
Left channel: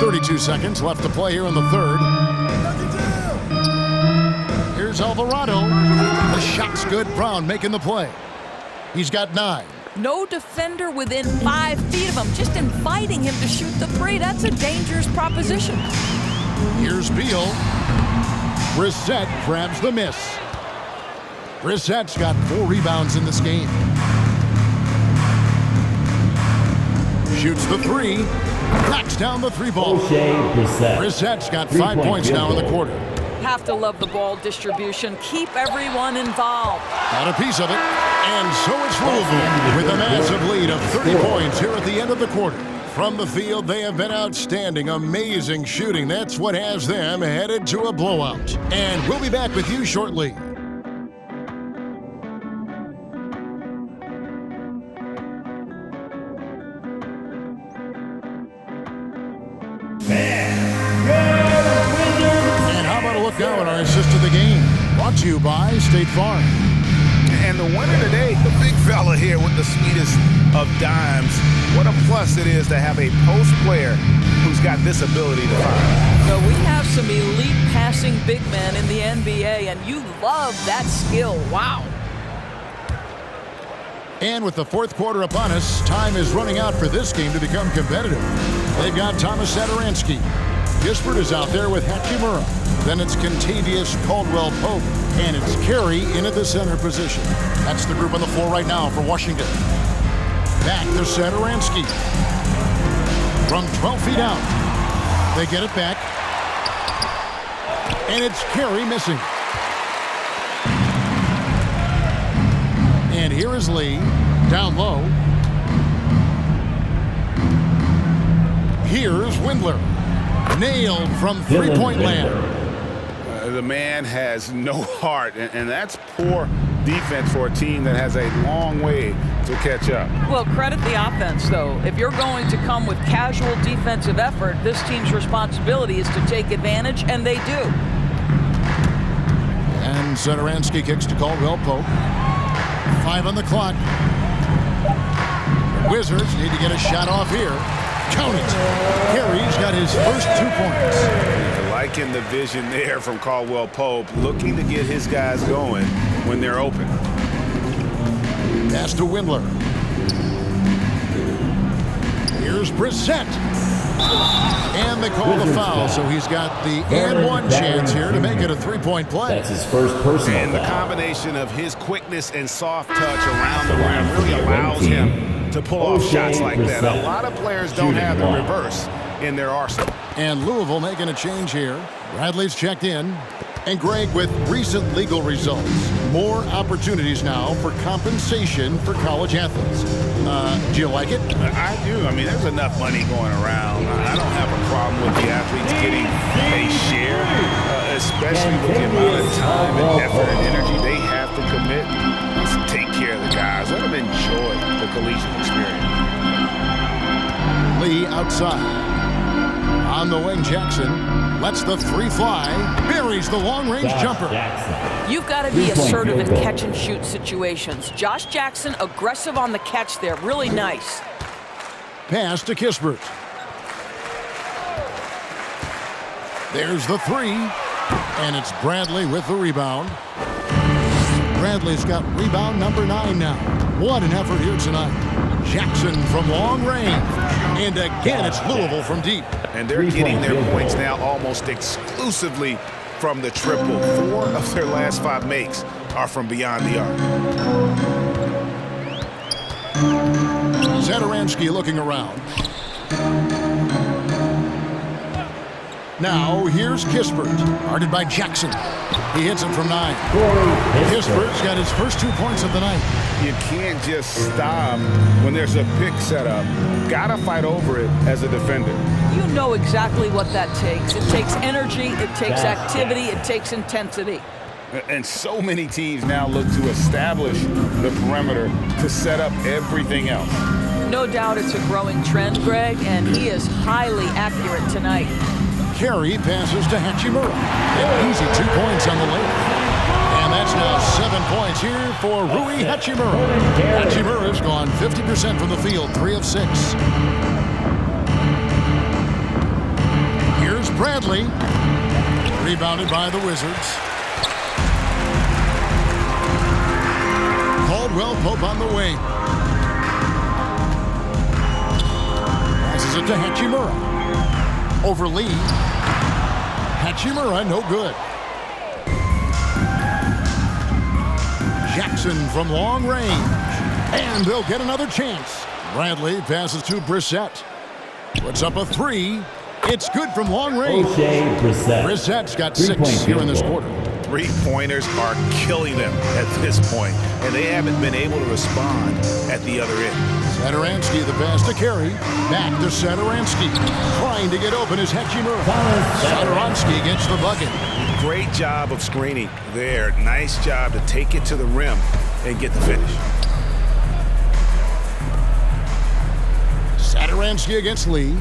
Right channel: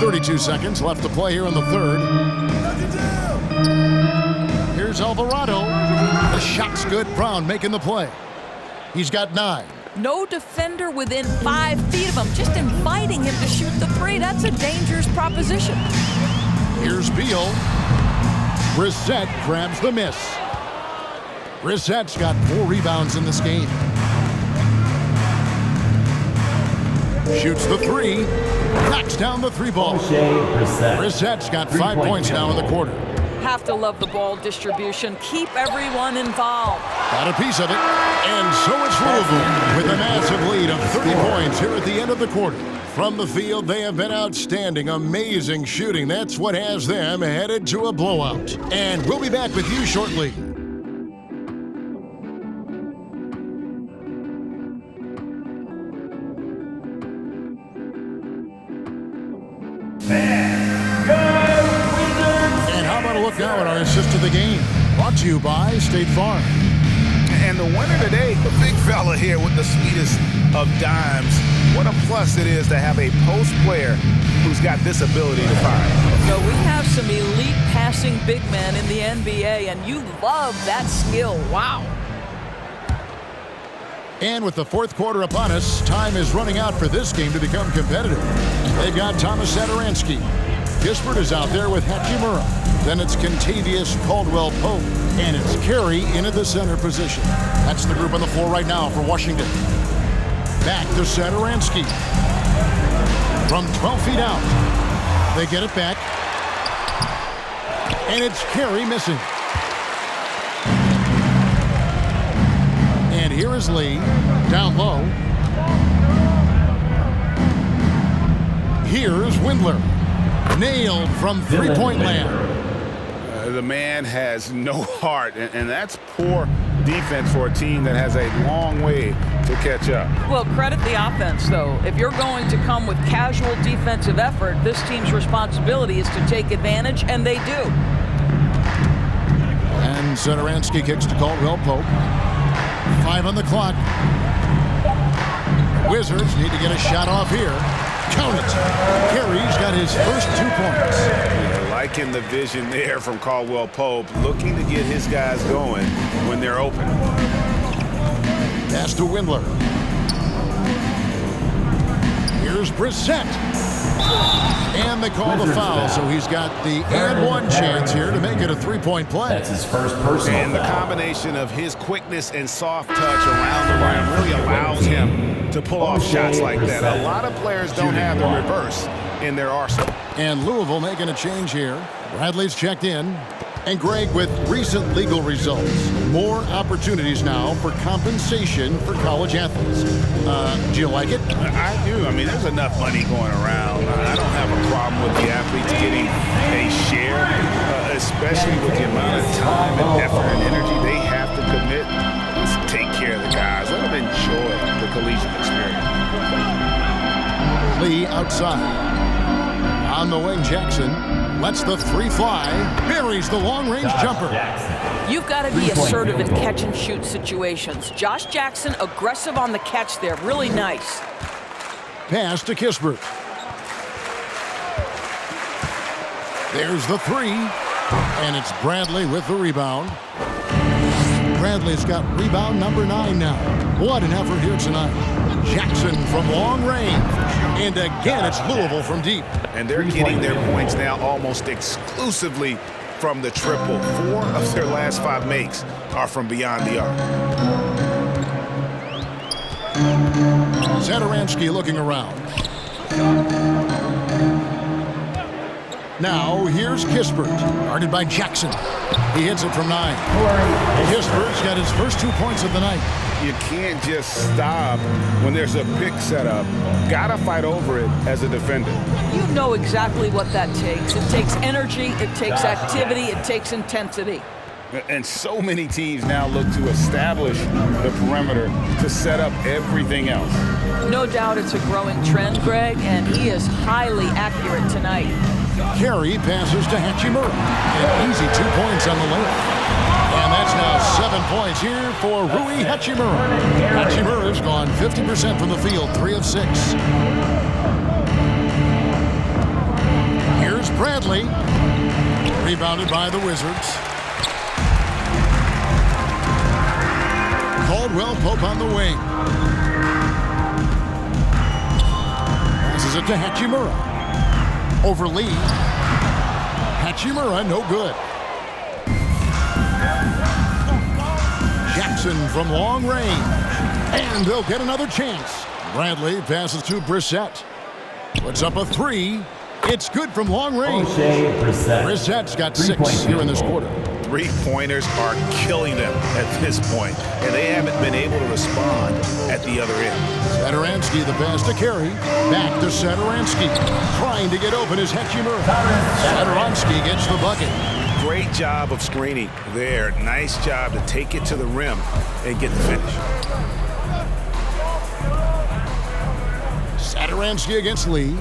32 seconds left to play here in the third. Here's Alvarado. The shot's good. Brown making the play. He's got 9. No defender within 5 feet of him, just inviting him to shoot the three. That's a dangerous proposition. Here's Beal. Brissett grabs the miss. Brissett's got 4 rebounds in this game. Shoots the three. Knocks down the 3 ball. Brissett's got 5 points now in the quarter. Have to love the ball distribution. Keep everyone involved. Got a piece of it. And so it's Louisville with a massive lead of 30 points here at the end of the quarter. From the field, they have been outstanding, amazing shooting. That's what has them headed to a blowout. And we'll be back with you shortly. And how about a look now at our assist of the game? Brought to you by State Farm. And the winner today, the big fella here with the sweetest of dimes. What a plus it is to have a post player who's got this ability to find. So we have some elite passing big men in the NBA, and you love that skill. Wow. And with the fourth quarter upon us, time is running out for this game to become competitive. They've got Thomas Satoransky. Kispert is out there with Hachimura. Then it's Contavious Caldwell-Pope. And it's Carey in at the center position. That's the group on the floor right now for Washington. Back to Satoransky. From 12 feet out. They get it back. And it's Carey missing. And here is Lee. Down low. Here's Windler. Nailed from three-point land. The man has no heart, and that's poor defense for a team that has a long way to catch up. Well, credit the offense, though. If you're going to come with casual defensive effort, this team's responsibility is to take advantage, and they do. And Satoransky kicks to Caldwell-Pope. 5 on the clock. The Wizards need to get a shot off here. Count it. Carey's got his first 2 points. Yeah, liking the vision there from Caldwell-Pope, looking to get his guys going when they're open. Pass to Windler. Here's Brissett. And they call the foul, so he's got the and one chance here to make it a 3-point play. That's his first personal And the combination of his quickness and soft touch around the rim really allows him to pull off shots like that. A lot of players don't have the reverse in their arsenal. And Louisville making a change here. Bradley's checked in. And Greg, with recent legal results, more opportunities now for compensation for college athletes. Do you like it? I do. I mean, there's enough money going around. I don't have a problem with the athletes getting a share, especially with the amount of time and effort and energy they have to commit. Let's take care of the guys. Let them enjoy the collegiate experience. Lee outside. On the wing, Jackson lets the 3 fly, buries the long-range jumper. You've got to be assertive in catch-and-shoot situations. Josh Jackson, aggressive on the catch there. Really nice. Pass to Kispert. There's the 3, and it's Bradley with the rebound. Bradley's got rebound number 9 now. What an effort here tonight. Jackson from long range. And again, it's Louisville from deep. And they're getting their points now almost exclusively from the triple. 4 of their last 5 makes are from beyond the arc. Satoransky looking around. Now, here's Kispert, guarded by Jackson. He hits it from 9. Kispert's got his first 2 points of the night. You can't just stop when there's a pick set up. Gotta fight over it as a defender. You know exactly what that takes. It takes energy, it takes activity, it takes intensity. And so many teams now look to establish the perimeter to set up everything else. No doubt it's a growing trend, Greg, and he is highly accurate tonight. Carey passes to Hachimura. An easy 2 points on the layup. And that's now 7 points here for Rui Hachimura. Hachimura's gone 50% from the field, 3 of 6. Here's Bradley. Rebounded by the Wizards. Caldwell-Pope on the wing. Passes it to Hachimura. Over Lee. Hachimura, no good. Jackson from long range. And they'll get another chance. Bradley passes to Brissett. Puts up a three. It's good from long range. O'Shea Brissett. Brissett's got 3-point 6 here in this field goal. quarter. Three-pointers are killing them at this point, and they haven't been able to respond at the other end. Satoransky, the pass to Carey. Back to Satoransky. Trying to get open is Hechimura. Satoransky gets the bucket. Great job of screening there. Nice job to take it to the rim and get the finish. Satoransky against Lee.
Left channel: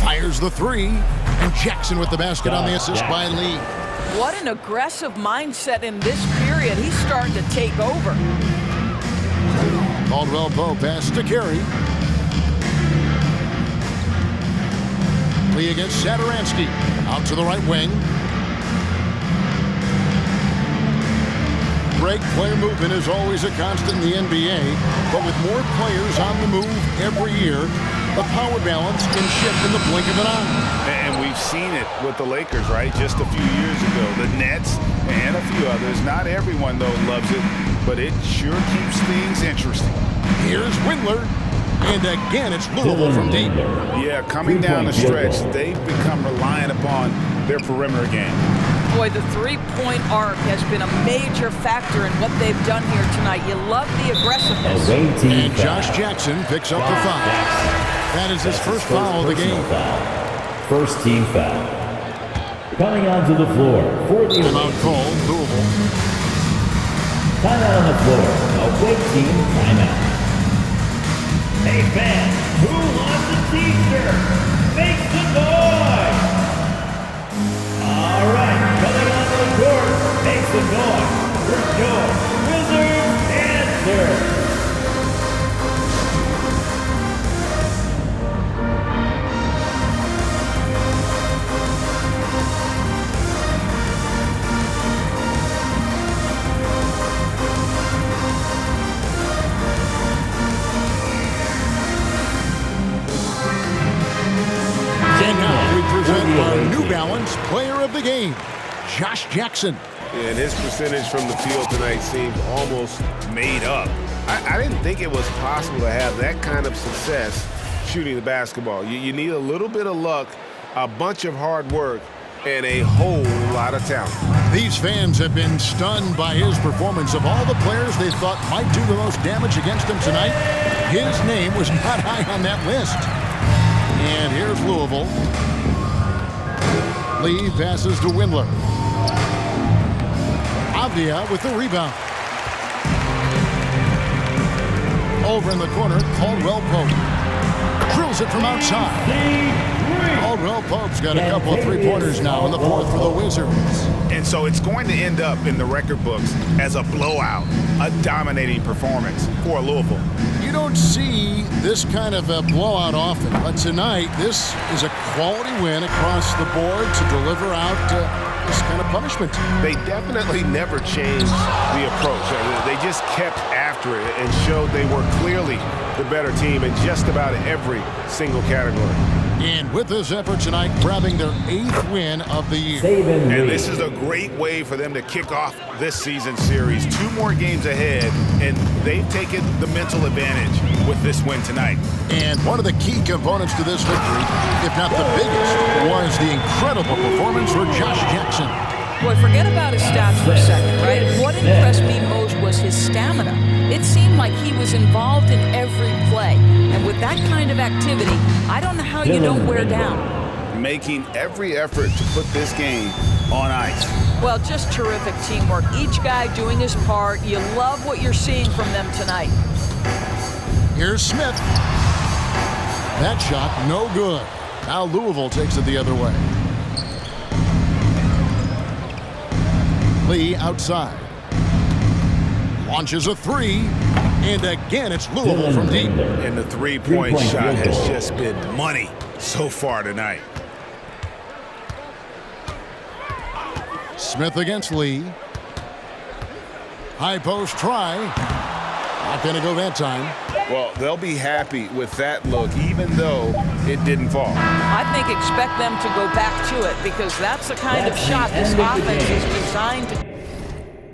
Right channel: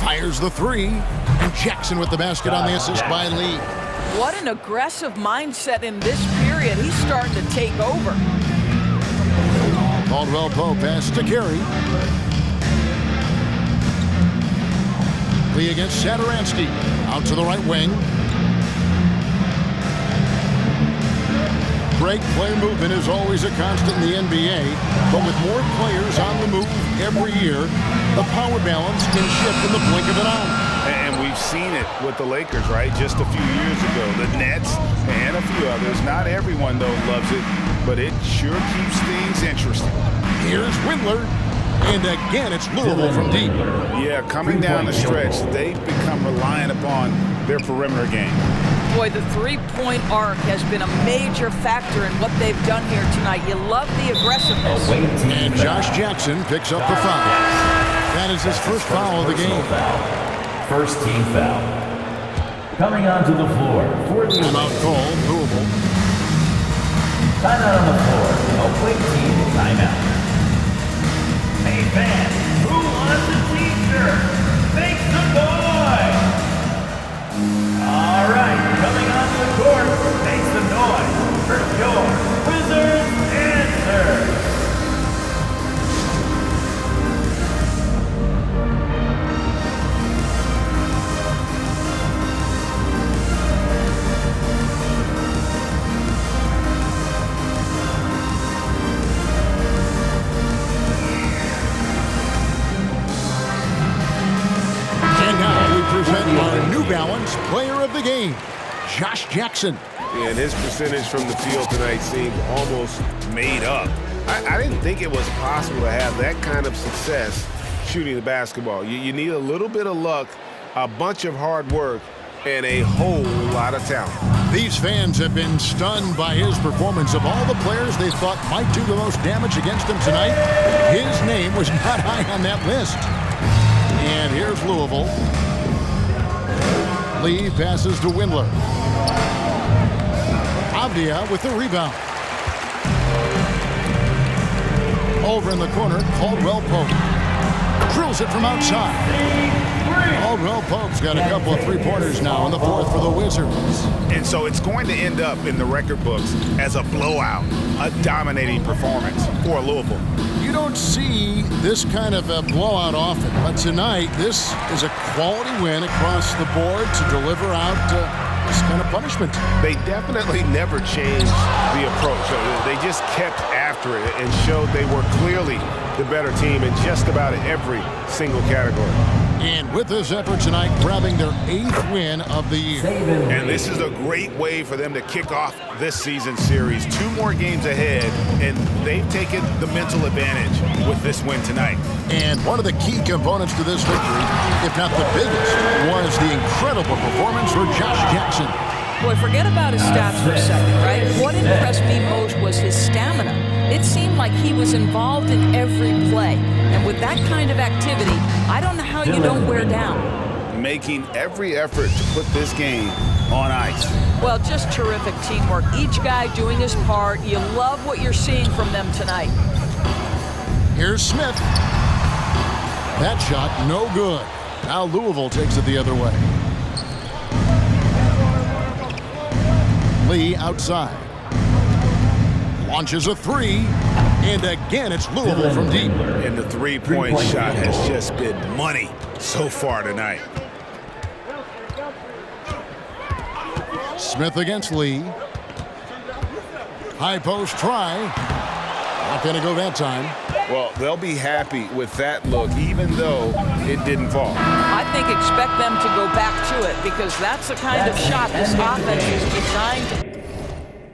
Fires the three. And Jackson with the basket on the assist by Lee. What an aggressive mindset in this period. He's starting to take over. Caldwell Pope pass to Carey. Lee against Satoransky. Out to the right wing. Great player movement is always a constant in the NBA, but with more players on the move every year, the power balance can shift in the blink of an eye. And we've seen it with the Lakers, right? Just a few years ago. The Nets and a few others. Not everyone, though, loves it, but it sure keeps things interesting. Here's Windler. And again, it's Louisville from deep. Yeah, coming down the stretch, they've become reliant upon their perimeter game. Boy, the three-point arc has been a major factor in what they've done here tonight. You love the aggressiveness. And Josh Jackson picks up the foul. That is his first foul of the game. First team foul. Coming onto the floor for the timeout call, Louisville. Timeout on the floor. Away team timeout. Hey fans, who wants a t-shirt? Make some noise! All right, coming onto the court, make some noise for your Wizards answer. And now we present our New Balance Player of the Game, Josh Jackson. And his percentage from the field tonight seemed almost made up. I didn't think it was possible to have that kind of success shooting the basketball. You need a little bit of luck, a bunch of hard work, and a whole lot of talent. These fans have been stunned by his performance. Of all the players they thought might do the most damage against him tonight, his name was not high on that list. And here's Louisville. Lee passes to Windler. Avdia with the rebound. Over in the corner, Caldwell Pope. Drills it from outside. Caldwell Pope's got a couple of three-pointers now in the fourth for the Wizards. And so it's going to end up in the record books as a blowout, a dominating performance for Louisville. You don't see this kind of a blowout often, but tonight this is a quality win across the board to deliver out this kind of punishment. They definitely never changed the approach. They just kept after it and showed they were clearly the better team in just about every single category. And with this effort tonight, grabbing their 8th win of the year. And this is a great way for them to kick off this season series. 2 more games ahead, and they've taken the mental advantage with this win tonight. And one of the key components to this victory, if not the biggest, was the incredible performance for Josh Jackson. Boy, forget about his stats for a second, right? What impressed me most was his stamina. It seemed like he was involved in every play. And with that kind of activity, I don't know how you don't wear down. Making every effort to put this game on ice. Well, just terrific teamwork. Each guy doing his part. You love what you're seeing from them tonight. Here's Smith. That shot, no good. Now Louisville takes it the other way. Lee outside. Launches a three. And again, it's Louisville from deep. And the three-point shot has just been money so far tonight. Smith against Lee. High post try. Not going to go that time. Well, they'll be happy with that look, even though it didn't fall. I think expect them to go back to it because that's the kind of shot this offense is designed to